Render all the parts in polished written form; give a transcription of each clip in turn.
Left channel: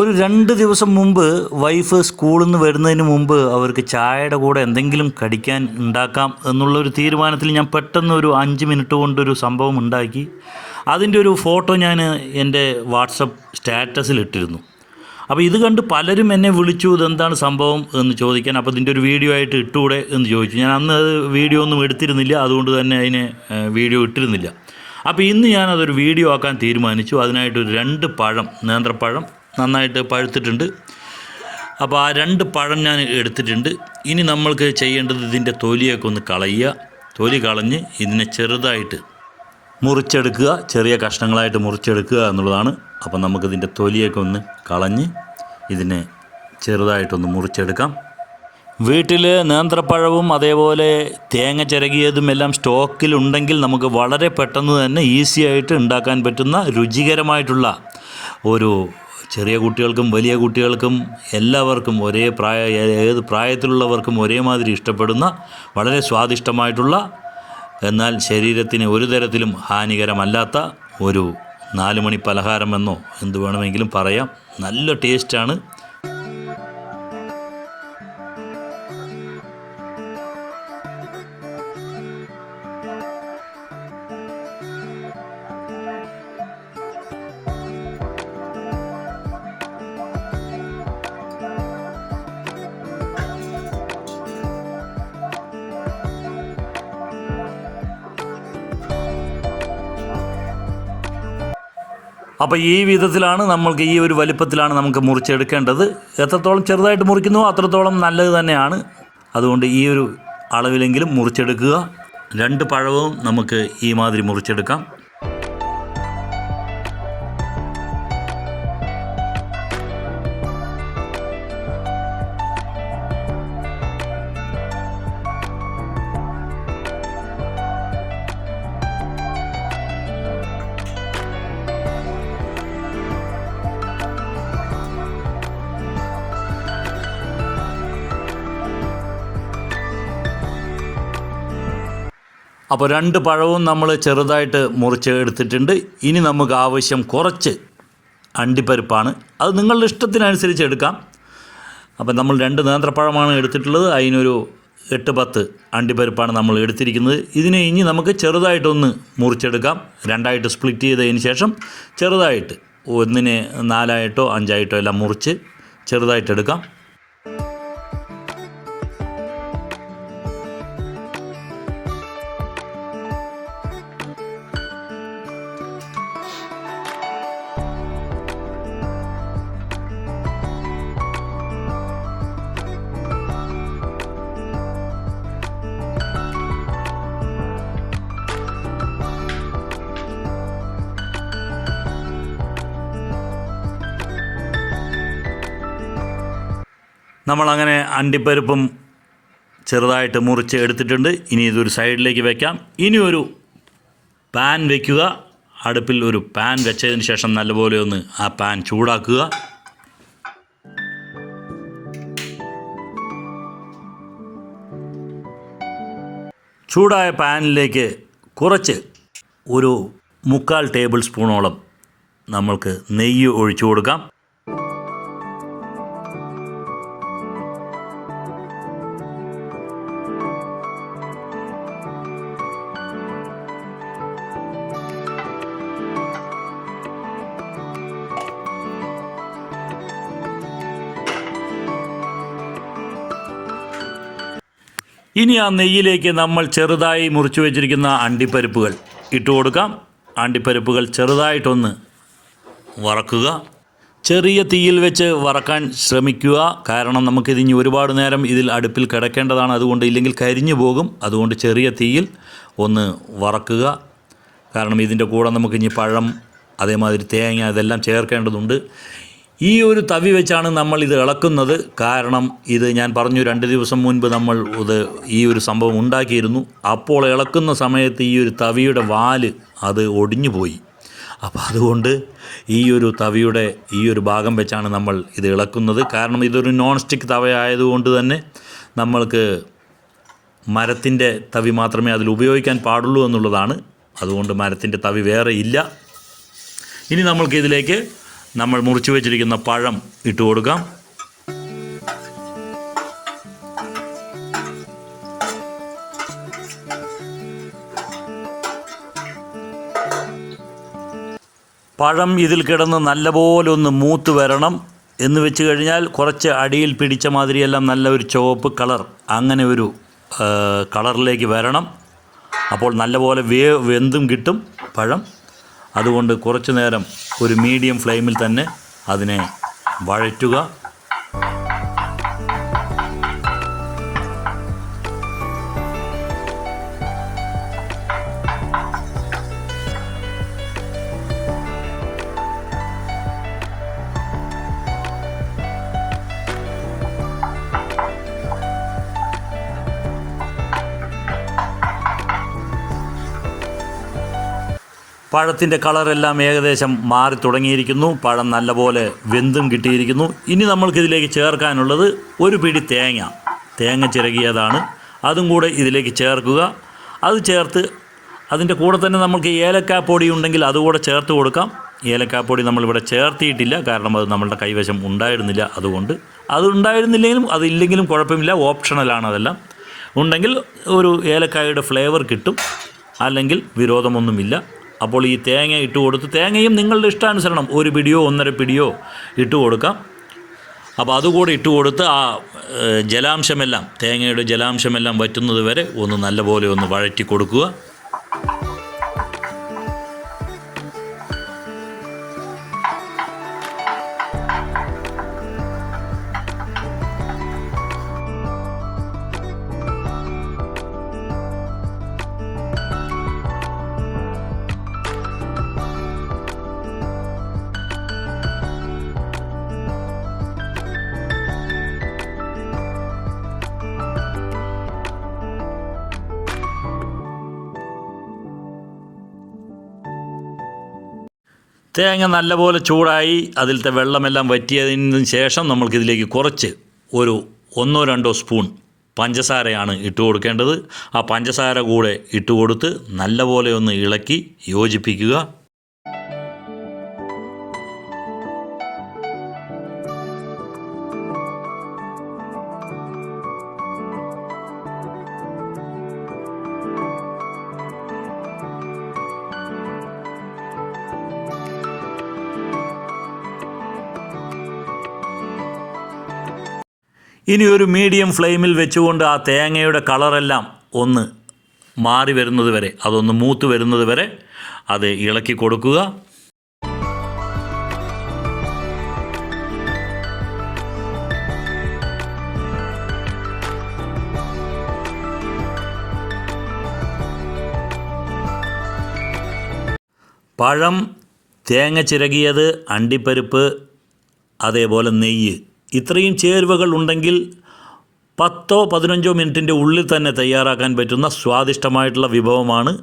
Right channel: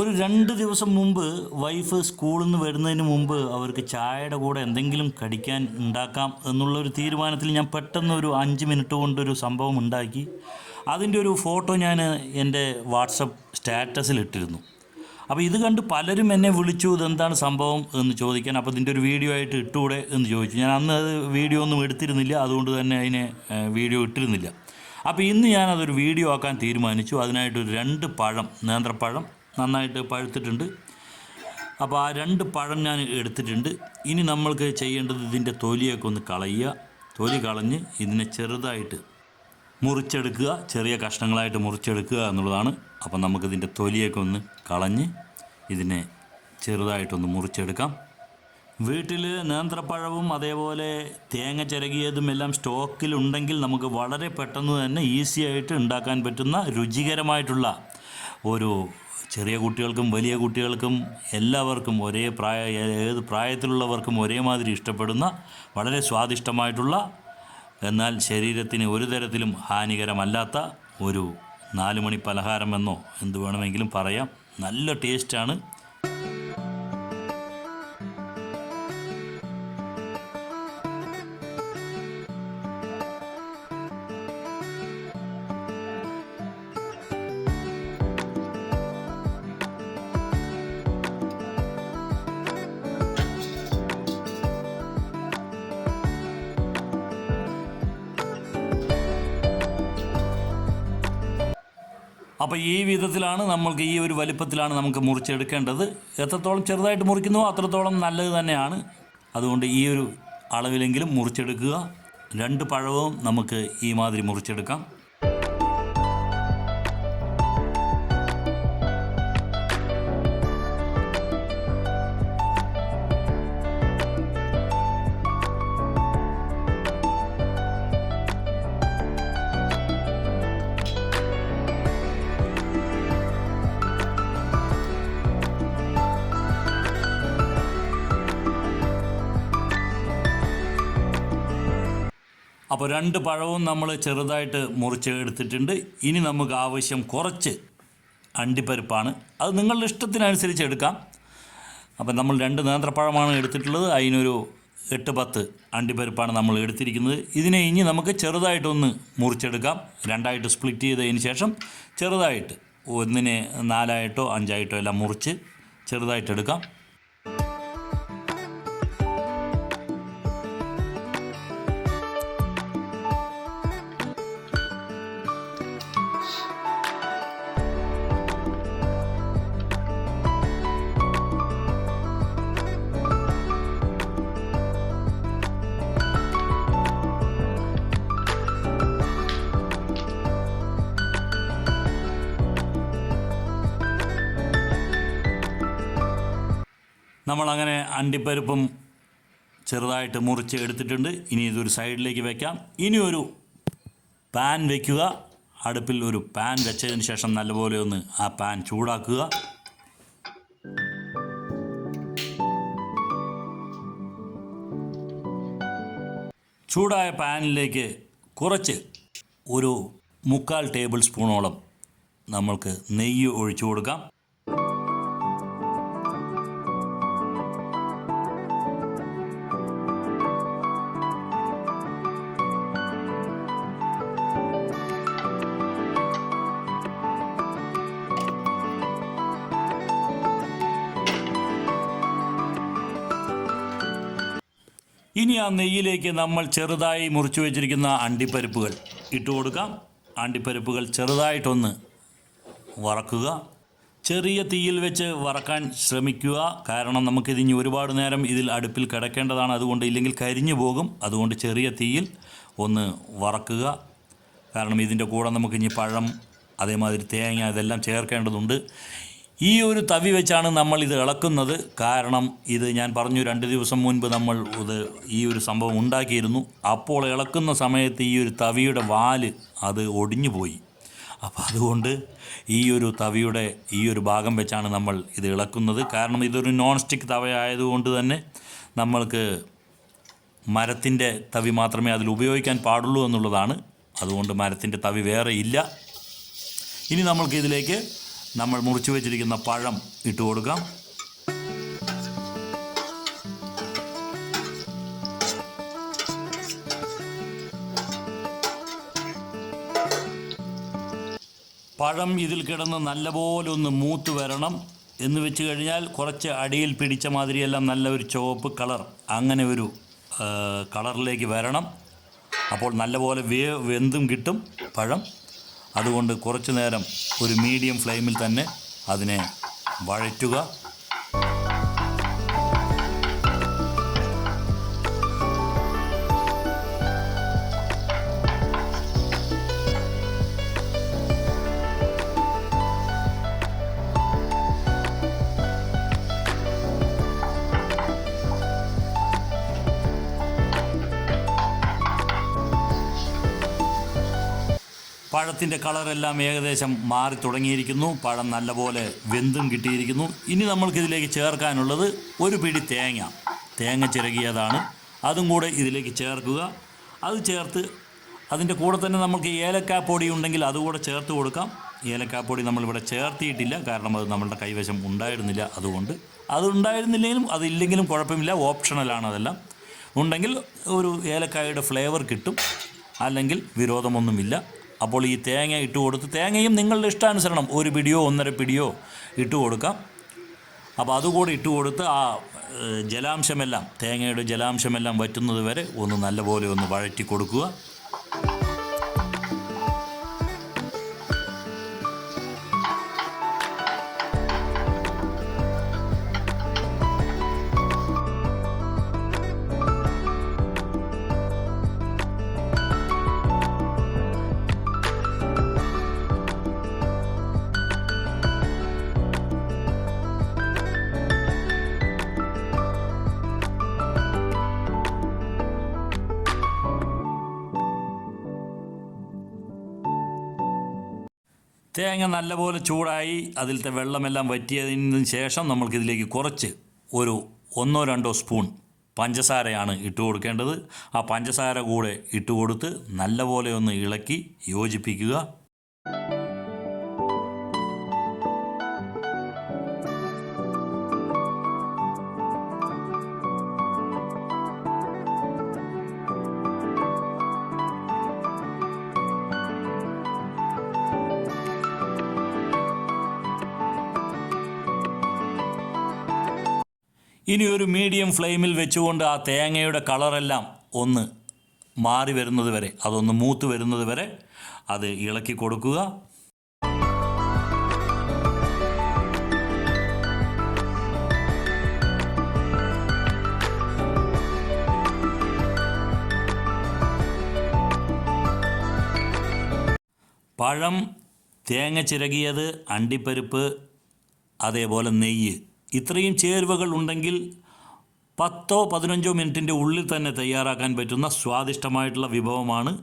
ഒരു 2 ദിവസം മുമ്പ് വൈഫ് സ്കൂളിൽ നിന്ന് വരുന്നതിന് മുമ്പ് അവർക്ക് ചായയുടെ കൂടെ എന്തെങ്കിലും കടിക്കാൻ ഉണ്ടാക്കാം എന്നുള്ളൊരു തീരുമാനത്തിൽ ഞാൻ പെട്ടെന്ന് ഒരു 5 മിനിറ്റ് കൊണ്ടൊരു സംഭവം ഉണ്ടാക്കി. അതിൻ്റെ ഒരു ഫോട്ടോ ഞാൻ എൻ്റെ വാട്സപ്പ് സ്റ്റാറ്റസിൽ ഇട്ടിരുന്നു. അപ്പോൾ ഇത് കണ്ട് പലരും എന്നെ വിളിച്ചു, ഇതെന്താണ് സംഭവം എന്ന് ചോദിക്കാൻ. അപ്പോൾ ഇതിൻ്റെ ഒരു വീഡിയോ ആയിട്ട് ഇട്ടുകൂടെ എന്ന് ചോദിച്ചു. ഞാൻ അന്ന് അത് വീഡിയോ ഒന്നും എടുത്തിരുന്നില്ല, അതുകൊണ്ട് തന്നെ അതിനെ വീഡിയോ ഇട്ടിരുന്നില്ല. അപ്പോൾ ഇന്ന് ഞാനതൊരു വീഡിയോ ആക്കാൻ തീരുമാനിച്ചു. അതിനായിട്ടൊരു 2 പഴം, നേന്ത്രപ്പഴം നന്നായിട്ട് പഴുത്തിട്ടുണ്ട്. അപ്പോൾ ആ 2 പഴം ഞാൻ എടുത്തിട്ടുണ്ട്. ഇനി നമ്മൾക്ക് ചെയ്യേണ്ടത് ഇതിൻ്റെ തൊലിയൊക്കെ ഒന്ന് കളയുക. തൊലി കളഞ്ഞ് ഇതിനെ ചെറുതായിട്ട് മുറിച്ചെടുക്കുക, ചെറിയ കഷ്ണങ്ങളായിട്ട് മുറിച്ചെടുക്കുക എന്നുള്ളതാണ്. അപ്പം നമുക്കിതിൻ്റെ തൊലിയൊക്കെ ഒന്ന് കളഞ്ഞ് ഇതിനെ ചെറുതായിട്ടൊന്ന് മുറിച്ചെടുക്കാം. വീട്ടിൽ നേന്ത്രപ്പഴവും അതേപോലെ തേങ്ങ ചിരകിയതും എല്ലാം സ്റ്റോക്കിലുണ്ടെങ്കിൽ നമുക്ക് വളരെ പെട്ടെന്ന് തന്നെ ഈസി ആയിട്ട് ഉണ്ടാക്കാൻ പറ്റുന്ന രുചികരമായിട്ടുള്ള ഒരു, ചെറിയ കുട്ടികൾക്കും വലിയ കുട്ടികൾക്കും എല്ലാവർക്കും ഏത് പ്രായത്തിലുള്ളവർക്കും ഒരേമാതിരി ഇഷ്ടപ്പെടുന്ന വളരെ സ്വാദിഷ്ടമായിട്ടുള്ള, എന്നാൽ ശരീരത്തിന് ഒരു തരത്തിലും ഹാനികരമല്ലാത്ത ഒരു 4 മണി പലഹാരമെന്നോ എന്ത് വേണമെങ്കിലും പറയാം. നല്ല ടേസ്റ്റാണ്. അപ്പോൾ ഈ വിധത്തിലാണ് നമ്മൾക്ക്, ഈ ഒരു വലിപ്പത്തിലാണ് നമുക്ക് മുറിച്ചെടുക്കേണ്ടത്. എത്രത്തോളം ചെറുതായിട്ട് മുറിക്കുന്നുവോ അത്രത്തോളം നല്ലത് തന്നെയാണ്. അതുകൊണ്ട് ഈ ഒരു അളവിലെങ്കിലും മുറിച്ചെടുക്കുക. 2 പഴവും നമുക്ക് ഈ മാതിരി മുറിച്ചെടുക്കാം. അപ്പോൾ 2 പഴവും നമ്മൾ ചെറുതായിട്ട് മുറിച്ച് എടുത്തിട്ടുണ്ട്. ഇനി നമുക്ക് ആവശ്യം കുറച്ച് അണ്ടിപ്പരിപ്പാണ്. അത് നിങ്ങളുടെ ഇഷ്ടത്തിനനുസരിച്ച് എടുക്കാം. അപ്പോൾ നമ്മൾ 2 നേന്ത്രപ്പഴമാണ് എടുത്തിട്ടുള്ളത്. അതിനൊരു 8-10 അണ്ടിപ്പരിപ്പാണ് നമ്മൾ എടുത്തിരിക്കുന്നത്. ഇതിനെ ഇനി നമുക്ക് ചെറുതായിട്ടൊന്ന് മുറിച്ചെടുക്കാം. 2ആയിട്ട് സ്പ്ലിറ്റ് ചെയ്തതിന് ശേഷം ചെറുതായിട്ട് 1നെ 4ആയിട്ടോ 5ആയിട്ടോ എല്ലാം മുറിച്ച് ചെറുതായിട്ടെടുക്കാം. നമ്മളങ്ങനെ അണ്ടിപ്പരിപ്പും ചെറുതായിട്ട് മുറിച്ച് എടുത്തിട്ടുണ്ട്. ഇനി ഇതൊരു സൈഡിലേക്ക് വയ്ക്കാം. ഇനി ഒരു പാൻ വയ്ക്കുക. അടുപ്പിൽ ഒരു പാൻ വെച്ചതിന് ശേഷം നല്ലപോലെ ഒന്ന് ആ പാൻ ചൂടാക്കുക. ചൂടായ പാനിലേക്ക് കുറച്ച് ഒരു 3/4 ടേബിൾ സ്പൂണോളം നമ്മൾക്ക് നെയ്യ് ഒഴിച്ചു കൊടുക്കാം. ഇനി ആ നെയ്യിലേക്ക് നമ്മൾ ചെറുതായി മുറിച്ച് വെച്ചിരിക്കുന്ന അണ്ടിപ്പരിപ്പുകൾ ഇട്ട് കൊടുക്കാം. അണ്ടിപ്പരിപ്പുകൾ ചെറുതായിട്ടൊന്ന് വറക്കുക. ചെറിയ തീയിൽ വെച്ച് വറക്കാൻ ശ്രമിക്കുക. കാരണം നമുക്കിതിനി ഒരുപാട് നേരം ഇതിൽ അടുപ്പിൽ കിടക്കേണ്ടതാണ്. അതുകൊണ്ട് ഇല്ലെങ്കിൽ കരിഞ്ഞു പോകും. അതുകൊണ്ട് ചെറിയ തീയിൽ ഒന്ന് വറക്കുക. കാരണം ഇതിൻ്റെ കൂടെ നമുക്കിനി പഴം, അതേമാതിരി തേങ്ങ ഇതെല്ലാം ചേർക്കേണ്ടതുണ്ട്. ഈ ഒരു തവി വെച്ചാണ് നമ്മൾ ഇത് ഇളക്കുന്നത്. കാരണം ഇത് ഞാൻ പറഞ്ഞു 2 ദിവസം മുൻപ് നമ്മൾ ഈ ഒരു സംഭവം ഉണ്ടാക്കിയിരുന്നു. അപ്പോൾ ഇളക്കുന്ന സമയത്ത് ഈ ഒരു തവിയുടെ വാല് അത് ഒടിഞ്ഞു പോയി. അപ്പോൾ അതുകൊണ്ട് ഈ ഒരു തവിയുടെ ഈ ഒരു ഭാഗം വെച്ചാണ് നമ്മൾ ഇത് ഇളക്കുന്നത്. കാരണം ഇതൊരു നോൺ സ്റ്റിക്ക് തവയായതുകൊണ്ട് തന്നെ നമ്മൾക്ക് മരത്തിൻ്റെ തവി മാത്രമേ അതിൽ ഉപയോഗിക്കാൻ പാടുള്ളൂ എന്നുള്ളതാണ്. അതുകൊണ്ട് മരത്തിൻ്റെ തവി വേറെ ഇല്ല. ഇനി നമ്മൾക്ക് ഇതിലേക്ക് നമ്മൾ മുറിച്ച് വെച്ചിരിക്കുന്ന പഴം ഇട്ട് കൊടുക്കാം. പഴം ഇതിൽ കിടന്ന് നല്ലപോലെ ഒന്ന് മൂത്ത് വരണം. എന്ന് വെച്ച് കഴിഞ്ഞാൽ കുറച്ച് അടിയിൽ പിടിച്ച മാതിരിയെല്ലാം നല്ല ഒരു ചുവപ്പ് കളർ, അങ്ങനെ ഒരു കളറിലേക്ക് വരണം. അപ്പോൾ നല്ലപോലെ വെന്തും കിട്ടും പഴം. അതുകൊണ്ട് കുറച്ച് നേരം ഒരു മീഡിയം ഫ്ലെയിമിൽ തന്നെ അതിനെ വഴറ്റുക. പഴത്തിൻ്റെ കളറെല്ലാം ഏകദേശം മാറി തുടങ്ങിയിരിക്കുന്നു. പഴം നല്ലപോലെ വെന്തും കിട്ടിയിരിക്കുന്നു. ഇനി നമ്മൾക്കിതിലേക്ക് ചേർക്കാനുള്ളത് ഒരു പിടി തേങ്ങ ചിരകിയതാണ്. അതും കൂടെ ഇതിലേക്ക് ചേർക്കുക. അത് ചേർത്ത് അതിൻ്റെ കൂടെ തന്നെ നമുക്ക് ഏലക്കാപ്പൊടി ഉണ്ടെങ്കിൽ അതുകൂടെ ചേർത്ത് കൊടുക്കാം. ഏലക്കാപ്പൊടി നമ്മളിവിടെ ചേർത്തിയിട്ടില്ല, കാരണം അത് നമ്മളുടെ കൈവശം ഉണ്ടായിരുന്നില്ല. അതുകൊണ്ട് അത് ഉണ്ടായിരുന്നില്ലെങ്കിലും അതില്ലെങ്കിലും കുഴപ്പമില്ല, ഓപ്ഷണലാണ്. അതെല്ലാം ഉണ്ടെങ്കിൽ ഒരു ഏലക്കായയുടെ ഫ്ലേവർ കിട്ടും, അല്ലെങ്കിൽ വിരോധമൊന്നുമില്ല. അപ്പോൾ ഈ തേങ്ങ ഇട്ട് കൊടുത്ത്, തേങ്ങയും നിങ്ങളുടെ ഇഷ്ടാനുസരണം 1 പിടിയോ 1.5 പിടിയോ ഇട്ട് കൊടുക്കാം. അപ്പോൾ അതുകൂടെ ഇട്ട് കൊടുത്ത് ആ ജലാംശമെല്ലാം, തേങ്ങയുടെ ജലാംശമെല്ലാം വറ്റുന്നത് വരെ ഒന്ന് നല്ലപോലെ ഒന്ന് വഴറ്റി കൊടുക്കുക. തേങ്ങ നല്ലപോലെ ചൂടായി അതിലത്തെ വെള്ളമെല്ലാം വറ്റിയതിന് ശേഷം നമ്മൾക്കിതിലേക്ക് കുറച്ച് ഒരു 1-2 സ്പൂൺ പഞ്ചസാരയാണ് ഇട്ട് കൊടുക്കേണ്ടത്. ആ പഞ്ചസാര കൂടെ ഇട്ട് കൊടുത്ത് നല്ലപോലെ ഒന്ന് ഇളക്കി യോജിപ്പിക്കുക. ഇനി ഒരു മീഡിയം ഫ്ലെയിമിൽ വെച്ചുകൊണ്ട് ആ തേങ്ങയുടെ കളറെല്ലാം ഒന്ന് മാറി വരുന്നത് വരെ, അതൊന്ന് മൂത്ത് വരുന്നത് വരെ അത് ഇളക്കി കൊടുക്കുക. പഴം, തേങ്ങ ചിരകിയത്, അണ്ടിപ്പരിപ്പ്, അതേപോലെ നെയ്യ്, ഇത്രയും ചേരുവകൾ ഉണ്ടെങ്കിൽ 10-15 മിനിറ്റിൻ്റെ ഉള്ളിൽ തന്നെ തയ്യാറാക്കാൻ പറ്റുന്ന സ്വാദിഷ്ടമായിട്ടുള്ള വിഭവമാണ്.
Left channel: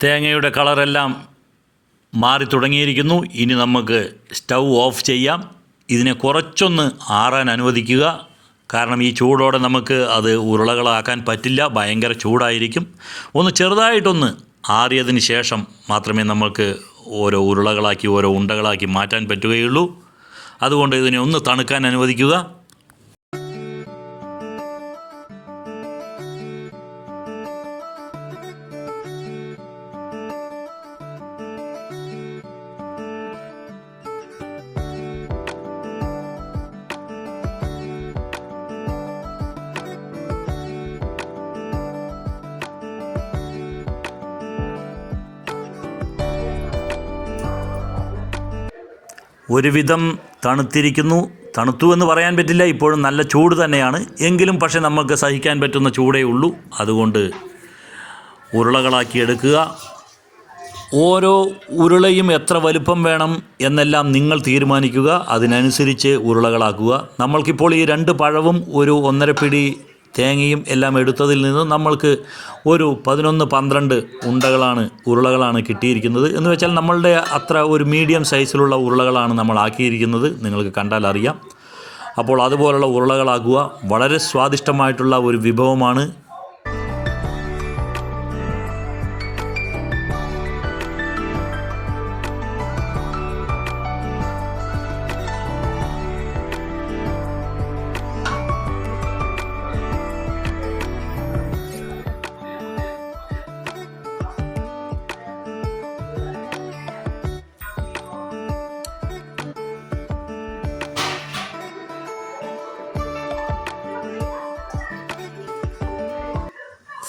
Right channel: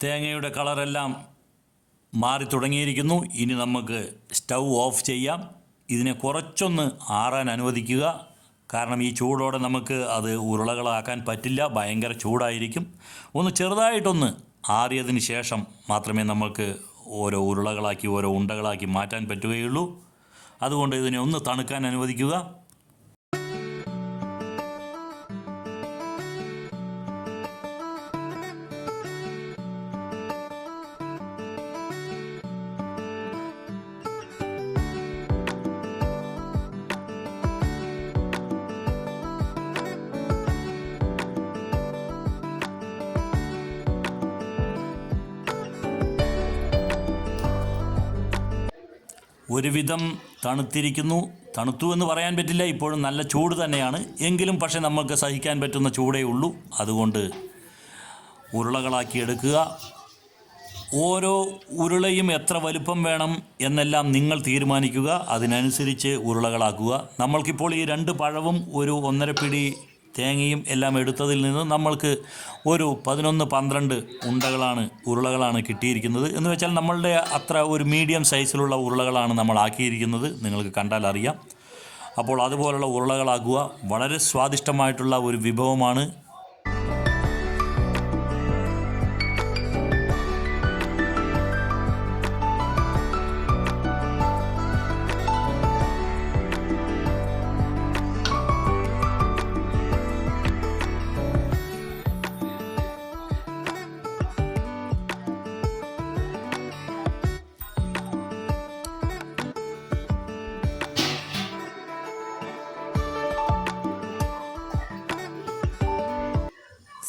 തേങ്ങയുടെ കളറെല്ലാം മാറി തുടങ്ങിയിരിക്കുന്നു. ഇനി നമുക്ക് സ്റ്റൗ ഓഫ് ചെയ്യാം. ഇതിനെ കുറച്ചൊന്ന് ആറാൻ അനുവദിക്കുക. കാരണം ഈ ചൂടോടെ നമുക്ക് അത് ഉരുളകളാക്കാൻ പറ്റില്ല, ഭയങ്കര ചൂടായിരിക്കും. ഒന്ന് ചെറുതായിട്ടൊന്ന് ആറിയതിന് ശേഷം മാത്രമേ നമുക്ക് ഓരോ ഉരുളകളാക്കി ഓരോ ഉണ്ടകളാക്കി മാറ്റാൻ പറ്റുകയുള്ളൂ. അതുകൊണ്ട് ഇതിനെ ഒന്ന് തണുക്കാൻ അനുവദിക്കുക. ഒരുവിധം തണുത്തിരിക്കുന്നു. തണുത്തു എന്ന് പറയാൻ പറ്റില്ല, ഇപ്പോഴും നല്ല ചൂട് തന്നെയാണ്. എങ്കിലും പക്ഷേ നമുക്ക് സഹിക്കാൻ പറ്റുന്ന ചൂടേ ഉള്ളൂ. അതുകൊണ്ട് ഉരുളകളാക്കി എടുക്കുക. ഓരോ ഉരുളയും എത്ര വലുപ്പം വേണം എന്നെല്ലാം നിങ്ങൾ തീരുമാനിക്കുക. അതിനനുസരിച്ച് ഉരുളകളാക്കുക. നമ്മൾക്കിപ്പോൾ ഈ 2 പഴവും ഒരു 1.5 പിടി തേങ്ങയും എല്ലാം എടുത്തതിൽ നിന്ന് നമ്മൾക്ക് ഒരു 11-12 ഉരുളകളാണ് കിട്ടിയിരിക്കുന്നത്. എന്ന് വെച്ചാൽ നമ്മളുടെ അത്ര ഒരു മീഡിയം സൈസിലുള്ള ഉരുളകളാണ് നമ്മൾ ആക്കിയിരിക്കുന്നത്. നിങ്ങൾക്ക് കണ്ടാൽ അറിയാം. അപ്പോൾ അതുപോലുള്ള ഉരുളകളാക്കുക. വളരെ സ്വാദിഷ്ടമായിട്ടുള്ള ഒരു വിഭവമാണ്.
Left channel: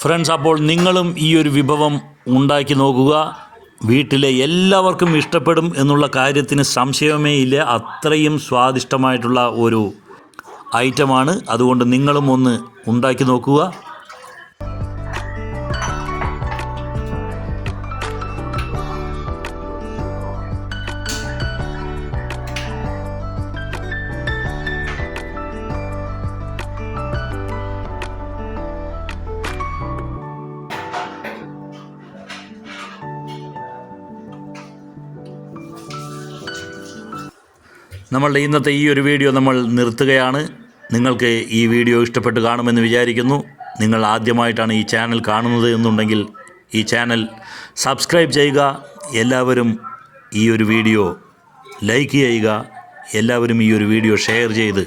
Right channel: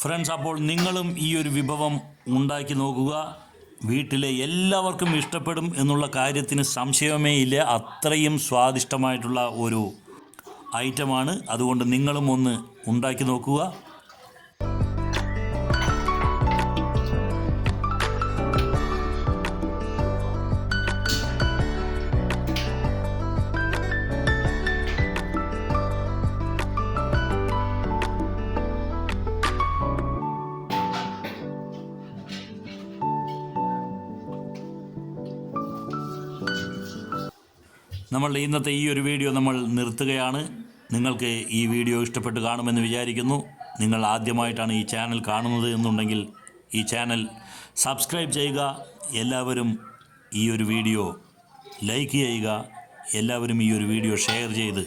ഫ്രണ്ട്സ്, അപ്പോൾ നിങ്ങളും ഈ ഒരു വിഭവം ഉണ്ടാക്കി നോക്കുക. വീട്ടിലെ എല്ലാവർക്കും ഇഷ്ടപ്പെടും എന്നുള്ള കാര്യത്തിന് സംശയമേ ഇല്ല. അത്രയും സ്വാദിഷ്ടമായിട്ടുള്ള ഒരു ഐറ്റമാണ്. അതുകൊണ്ട് നിങ്ങളും ഒന്ന് ഉണ്ടാക്കി നോക്കുക. നമ്മളുടെ ഇന്നത്തെ ഈ ഒരു വീഡിയോ നമ്മൾ നിർത്തുകയാണ്. നിങ്ങൾക്ക് ഈ വീഡിയോ ഇഷ്ടപ്പെട്ട് കാണുമെന്ന് വിചാരിക്കുന്നു. നിങ്ങൾ ആദ്യമായിട്ടാണ് ഈ ചാനൽ കാണുന്നത് എന്നുണ്ടെങ്കിൽ ഈ ചാനൽ സബ്സ്ക്രൈബ് ചെയ്യുക. എല്ലാവരും ഈ ഒരു വീഡിയോ ലൈക്ക് ചെയ്യുക. എല്ലാവരും ഈ ഒരു വീഡിയോ ഷെയർ ചെയ്ത്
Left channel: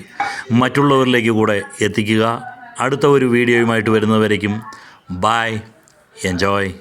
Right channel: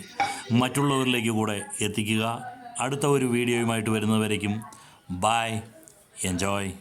മറ്റുള്ളവരിലേക്ക് കൂടെ എത്തിക്കുക. അടുത്ത ഒരു വീഡിയോയുമായിട്ട് വരുന്നവരേക്കും ബൈ, എൻജോയ്.